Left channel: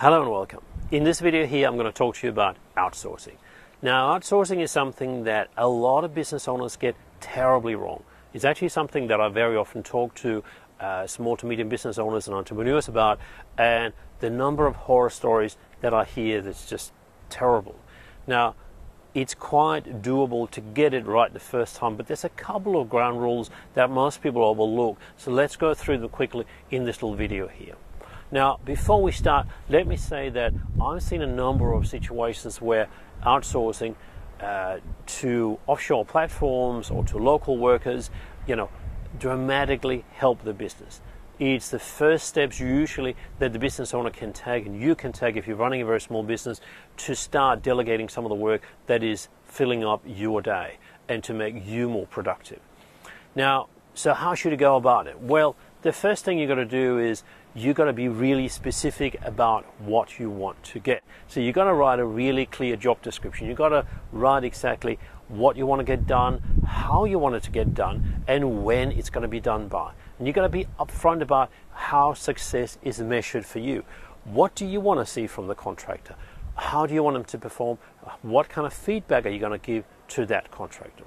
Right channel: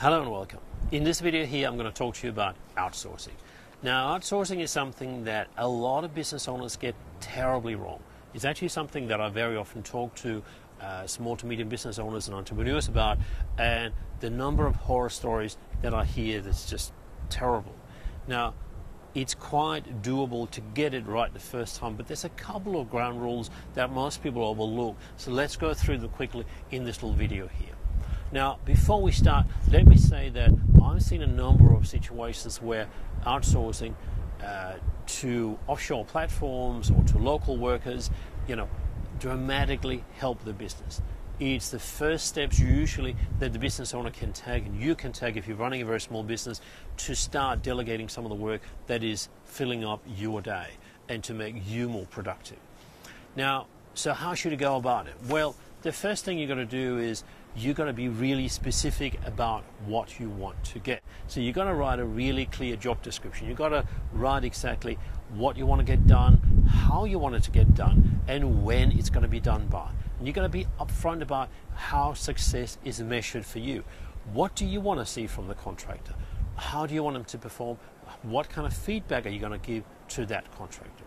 Hello and welcome. In this video here, I'm going to talk to you about outsourcing. Now, outsourcing is something that a lot of business owners get terribly wrong. It's actually something that I very often talk to small to medium business owners and entrepreneurs about, and the number of horror stories that I hear that's just terrible. Now, it's quite doable to get it right the first time, but there's a couple of ground rules that most people overlook. So let's go through them quickly in this little video here. Now, before we start, let me say that I've seen a number of situations where outsourcing to offshore platforms or to local workers, dramatically help the business. It's the first steps usually that the business owner can take, and you can take if you're running a very small business, to start delegating some of the work that is filling up your day and to make you more productive. Now, so how should you go about it? Well, the first thing you've got to do is you've got to be really specific about what you want to get. So you've got to write a really clear job description. You've got to write exactly what you want to get done, how you want it to get done, and when it's going to be done by. And you've got to be upfront about how success is measured for you. What do you want to see from the contractor? How do you want them to perform? What kind of feedback are you going to give to that contractor?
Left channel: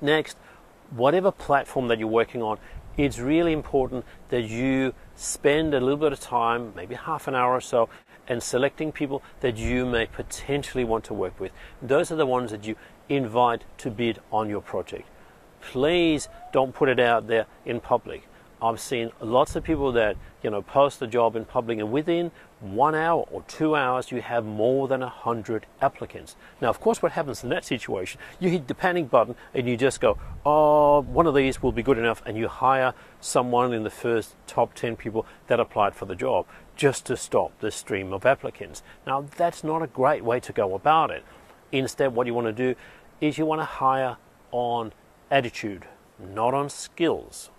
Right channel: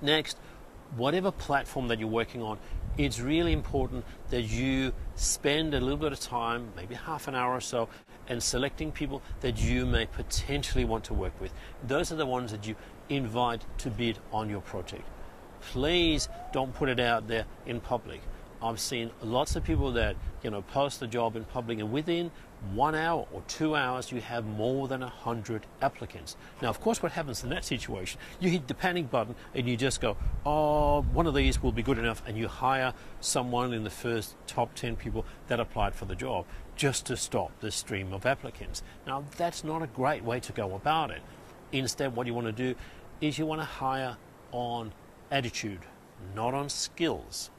Next, whatever platform that you're working on, it's really important that you spend a little bit of time, maybe half an hour or so, and selecting people that you may potentially want to work with. Those are the ones that you invite to bid on your project. Please don't put it out there in public. I've seen lots of people that post the job in public, and within 1 hour or 2 hours you have more than 100 applicants. Now, of course, what happens in that situation, you hit the panic button and you just go, oh, one of these will be good enough, and you hire someone in the first top 10 people that applied for the job just to stop the stream of applicants. Now, that's not a great way to go about it. Instead, what you want to do is you want to hire on attitude, not on skills.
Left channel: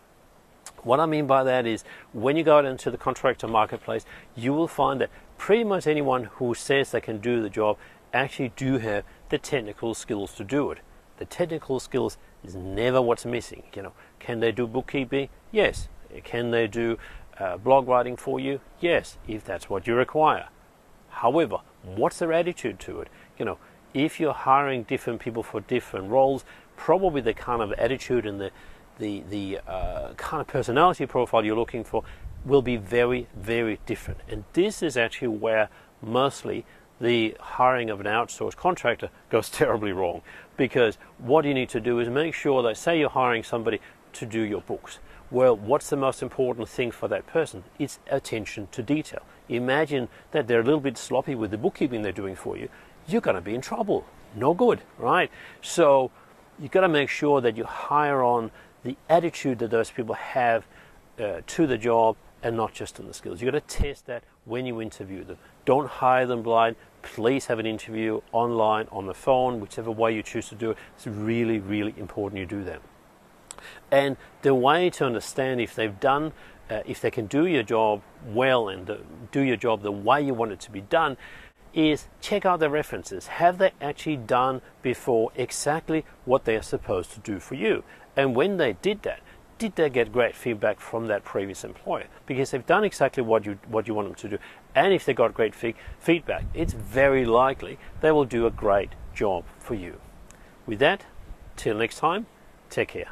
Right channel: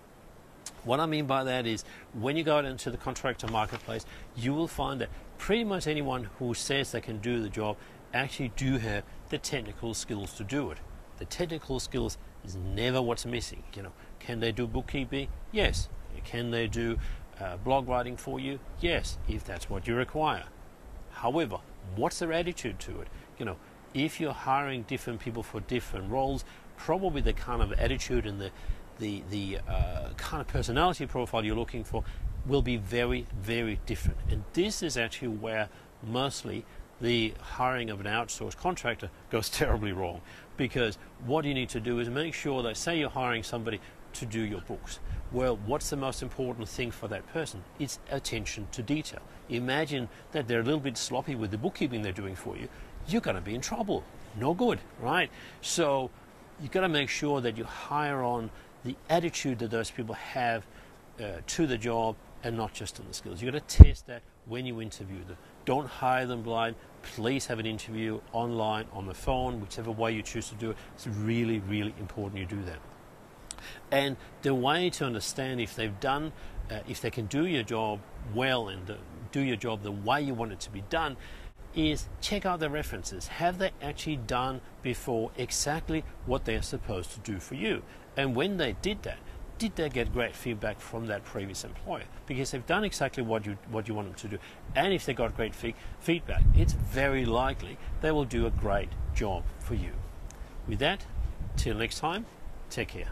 What I mean by that is, when you go out into the contractor marketplace, you will find that pretty much anyone who says they can do the job actually do have the technical skills to do it. The technical skills is never what's missing. Can they do bookkeeping? Yes. Can they do blog writing for you? Yes, if that's what you require. However, what's their attitude to it? If you're hiring different people for different roles, probably the kind of attitude and the kind of personality profile you're looking for will be very, very different. And this is actually where mostly the hiring of an outsourced contractor goes terribly wrong. Because what you need to do is make sure that, say you're hiring somebody to do your books. Well, what's the most important thing for that person? It's attention to detail. Imagine that they're a little bit sloppy with the bookkeeping they're doing for you. You're going to be in trouble. No good, right? So you've got to make sure that you hire on the attitude that those people have to the job, and not just on the skills. You've got to test that when you interview them. Don't hire them blind. Please have an interview online, on the phone, whichever way you choose to do it. It's really, really important you do that. And the way to understand if they've done, if they can do your job well and do your job the way you want it to be done, is check out their references. Have they actually done before exactly what they are supposed to do for you? And when they did that, did they get great feedback from that previous employer? Because they've done exactly what you want them to do, and if they got great feedback, it's very likely they will do a great job for you. With that, till next time, take care.